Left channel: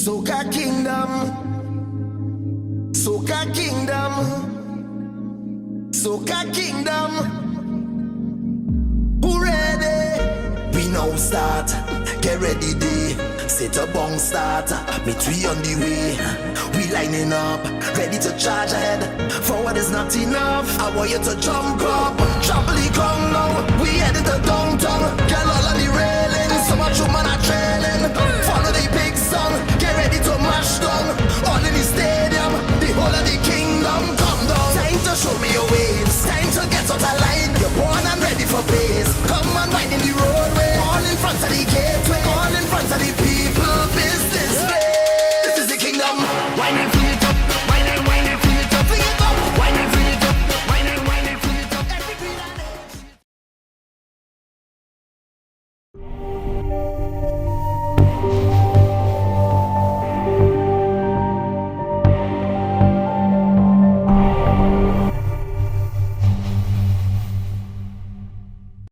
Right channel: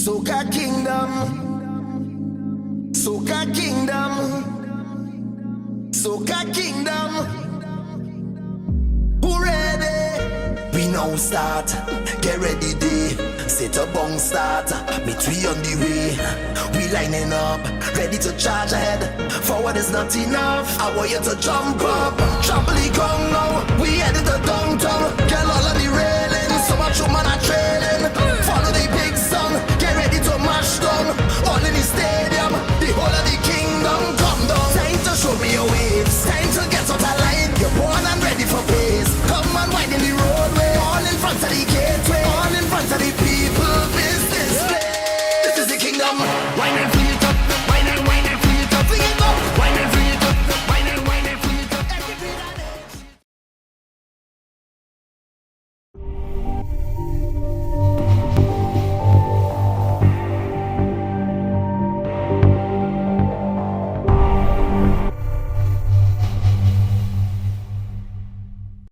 Soca Kingdom, Soca Kingdom, Soca Kingdom. Who ready? We now start. Get ready, day. Set a bong start. Meet we on the way. We lining up, ready to charge ahead. Forward is not enough. I want you to jump up. Trampoline come now. We heading to downtown. Girl all on the railing. So much woman are trailing.